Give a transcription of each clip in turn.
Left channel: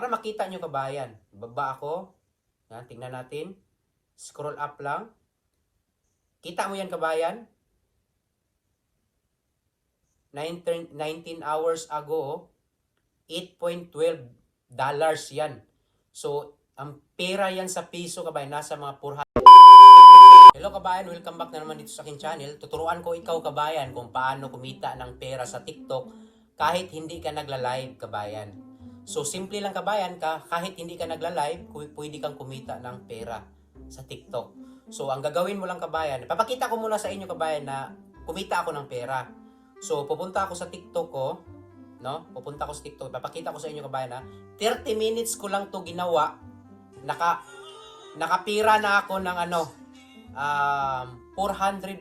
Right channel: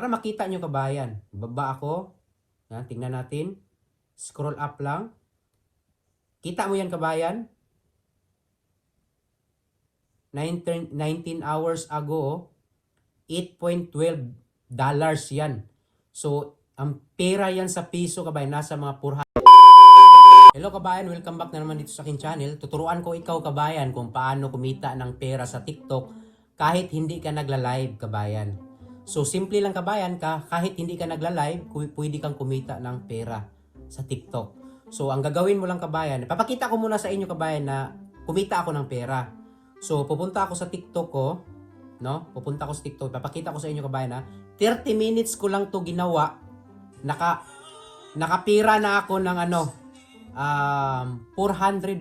Para makita nyo kabayan. Baba ako. Yan, tingnan natin. Scroll up lang. Kita mo yan kabayan? 19 hours ago, $8.12 yan. So, ang pera yan sa piso kabayan, nasa mga 400. Hello kabayan, welcome back na naman dito sa aking channel. Tuturuan ko ikaw kabayan kung paano kumita ng pera sa TikTok kahit hindi ka nagla-live kabayan. So, simple lang kabayan, kahit hindi ka nagla-live, pwede kang kumita ng pera sa TikTok. So, ang gagawin mo lang kabayan, papakita ko muna sa inyo kabayan na kumita ako ng pera. So, pupunta ako sa TikTok ko, no? Pupunta ako sa TikTok, papakita ko sa inyo kabayan na 30 minutes ko lang to ginawa. Nakapira na ako ng 400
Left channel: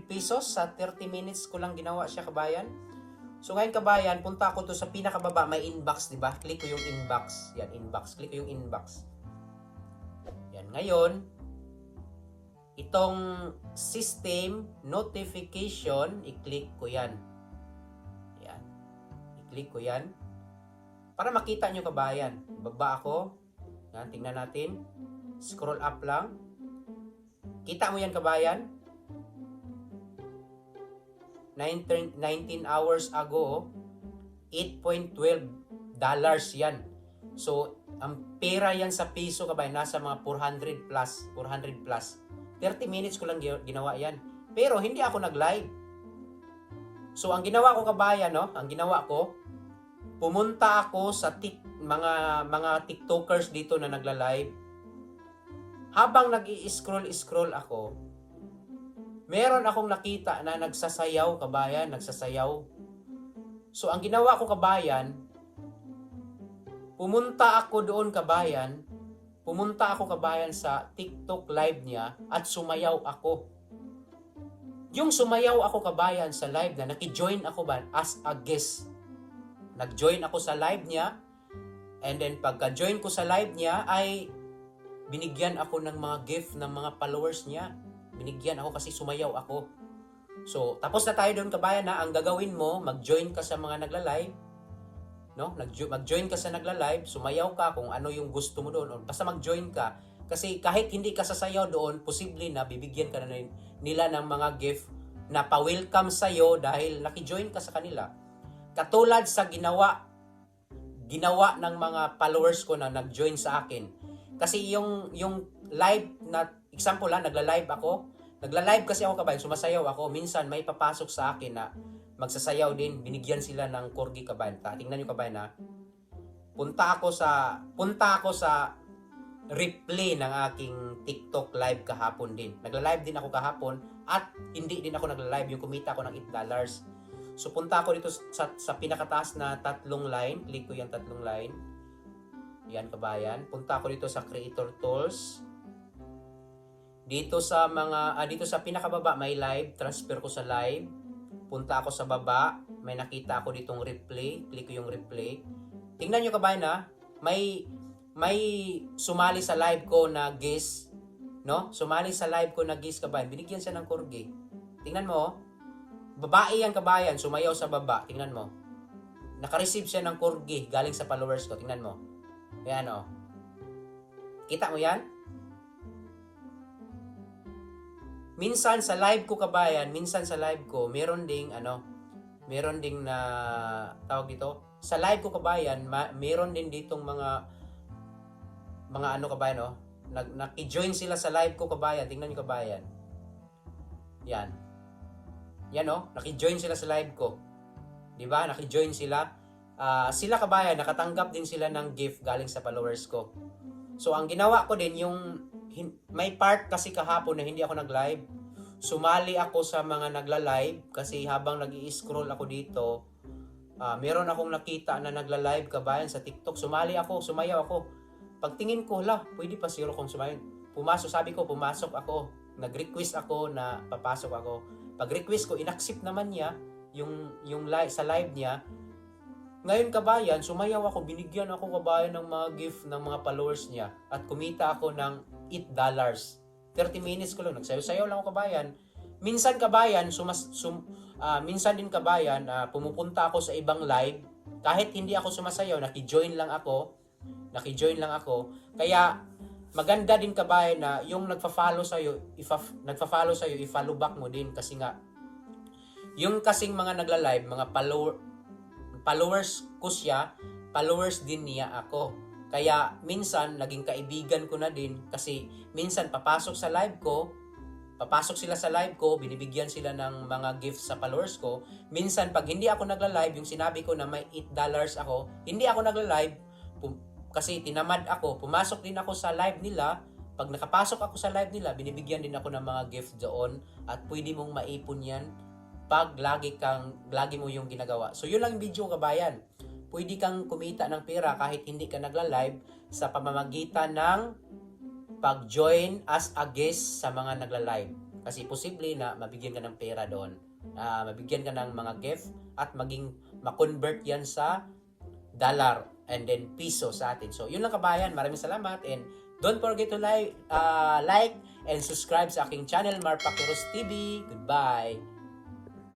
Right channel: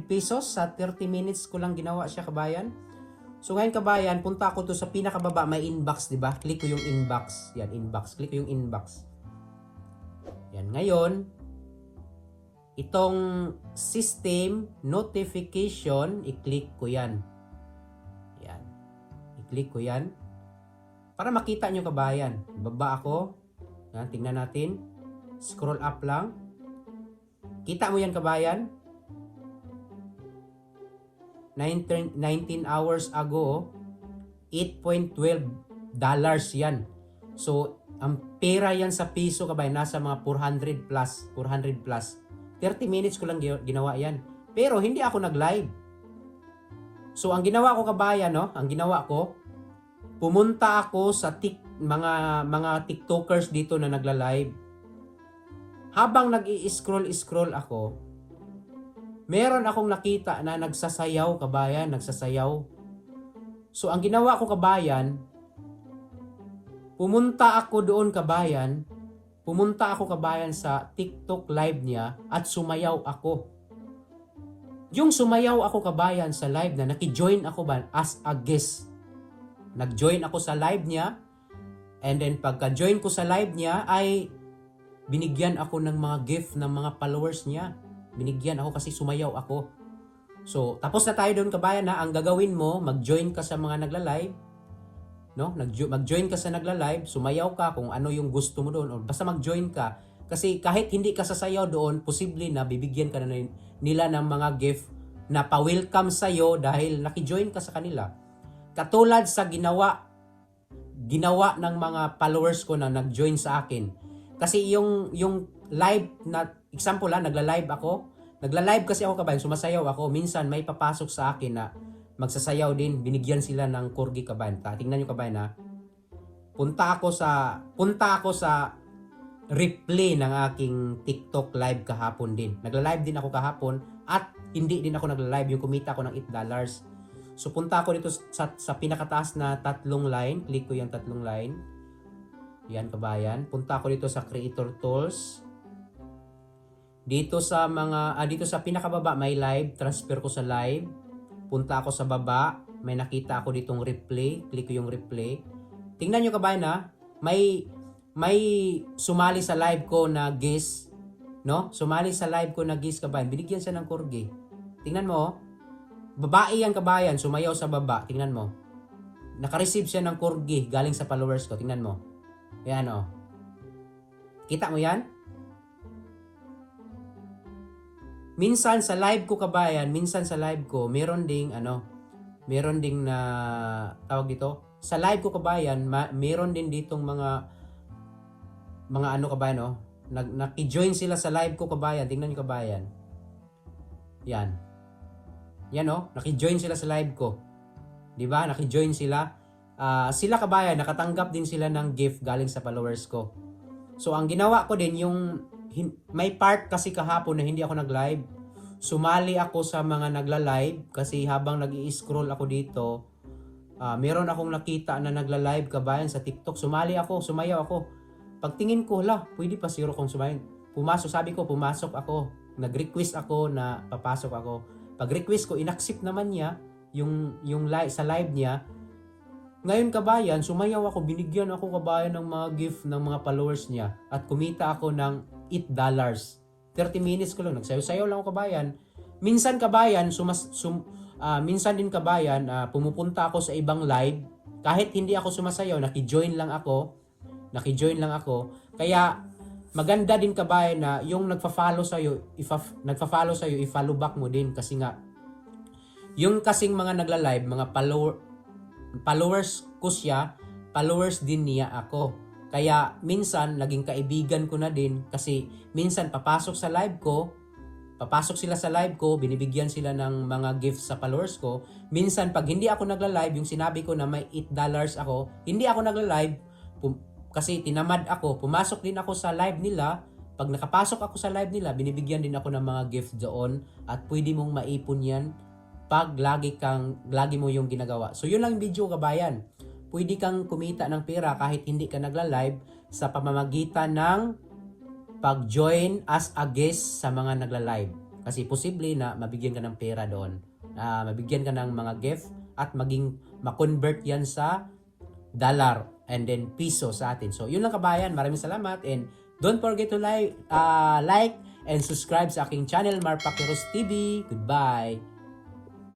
pesos sa 30 minutes ko lang ginawa siya kabayan. So ngayon kabayan, punta ako to sa pinakababa, may inbox, 'di ba? Click ko yung inbox. Yan, inbox. Click ko yung inbox. Yan, ngayon itong system notification, i-click ko 'yan. Yan. I-click ko 'yan. Para makita nyo kabayan. Baba ako. Yan, tingnan natin. Scroll up lang. Kita mo yan kabayan? 19 hours ago, $8.12 yan. So, ang pera yan sa piso kabayan, nasa mga 400 plus. 30 minutes ko lang ginawa yan. Pero hindi ako nag-live. So, ang ginawa ko kabayan, no? Ang ginawa ko, pumunta ako sa mga TikTokers dito na nagla-live. Habang nag-i-scroll ako, meron akong nakita na nagsasayaw kabayan, nagsasayaw. So ang ginawa ko kabayan, pumunta ako kabayan sa TikTok live niya at sumayaw ako. Yung sumayaw ako kabayan sa live na naki-join ako ba as a guest. Nag-join ako sa live niya, and then pagka-join ko sa live niya ay binigyan ako ng mga gift ng mga followers niya. Binigyan ako kasi sumayaw ako. So, tapos na tayo doon kabayan na ang gagawin mo, mag-join ka sa mga nagla-live, no? Mag-join ka sa nagla-live, sumayaw ka kung ano yung gusto mo doon, o basta mag-join ka. Kasi kahit hindi ka sasayaw doon, posible na bibigyan ka na nila ng mga gift na pa-welcome sa'yo dahil naki-join ka sa kanila. Katulad sa ginawa ng mga followers ko na nag-join sa akin. Kasi yung live na example lang, nagla-live kasi ako kabayan, sumasayaw ako. Minsan may papasok sa akin na magsasayaw din, binigyan sila ng corgi kabayan. Tingnan nyo kabayan na punta ako sa replay ng aking TikTok live kahapon din. Nagla-live din ako kahapon at hindi din ako nagla-live, yung kumita ako ng $8. So punta ako dito sa pinakataas na tatlong line, click ko yung tatlong line. Yan kabayan, punta ako dito sa Creator Tools. Dito sa pinakababa may live, transfer ko sa live. Punta ako sa baba, may nakita ako ditong replay, click ko yung replay. Tingnan nyo kabayan na, may sumali sa live ko na guest, no? Sumali sa live ko na guest kabayan, binigyan siya ng corgi. Tingnan mo, babae yan kabayan, sumayaw sa baba, tingnan mo. Naka-receive siya ng corgi galing sa followers ko, tingnan mo. Ayan o. Kita mo yan? Minsan sa live ko kabayan, meron ding na tawag dito. Sa live ko kabayan, meron din ditong mga kabayan, no? Naki-join sila sa live ko kabayan. Tingnan niyo kabayan. Yan. Yan oh, naki-join sila sa live ko. 'Di ba? Naki-join sila. Sila kabayan, nakatanggap din sila ng gift galing sa followers ko. So ang ginawa ko din may part kasi kahapon na hindi ako nag-live. Sumali ako sa mga nagla-live kasi habang nag-i-scroll ako dito, meron akong nakita na nagla-live kabayan sa TikTok. Sumayaw ako. Pagtingin ko, pwede pa siguro kung sumayaw. Pumasok ako. Nag-request ako na papasok ako. Pag-request ko, in-accept naman niya yung sa live niya. Ngayon kabayan, sumayaw ako, binigyan ako kabayan ng mga gift ng mga followers niya at kumita ako ng $8. 30 minutes ko lang, nagsayaw-sayaw lang ako kabayan. Minsan kabayan, minsan din kabayan, pumupunta ako sa ibang live, kahit hindi ako sumasayaw, naki-join lang ako. Naki-join lang ako. Kaya maganda din kabayan na yung nagfa-follow sa iyo, i-follow back mo din kasi nga yung kasing mga nagla-live, mga followers ko siya, followers din niya ako. Kaya minsan naging kaibigan ko na din kasi minsan papasok sila sa live ko, binibigyan sila ng mga gifts sa followers ko. Minsan pag hindi ako nagla-live, yung sinabi ko na may $8 ako, hindi ako nagla-live kasi tinamad ako, pumasok din ako sa live nila. Pag nakapasok ako sa live nila, binibigyan din ako ng mga gift doon at pwede mong maipon yan pag lagi mo yung ginagawa. So yun lang yung video kabayan. Pwede kang kumita ng pera kahit hindi ka nagla-live sa pamamagitan ng pag-join as a guest sa mga nagla-live. Kasi posible na mabigyan ka ng pera doon. Mabigyan ka ng mga gift at ma-convert yan sa dollar and then piso sa atin. So yun lang kabayan. Maraming salamat and don't forget to like and subscribe sa aking channel Marpakiros TV. Goodbye!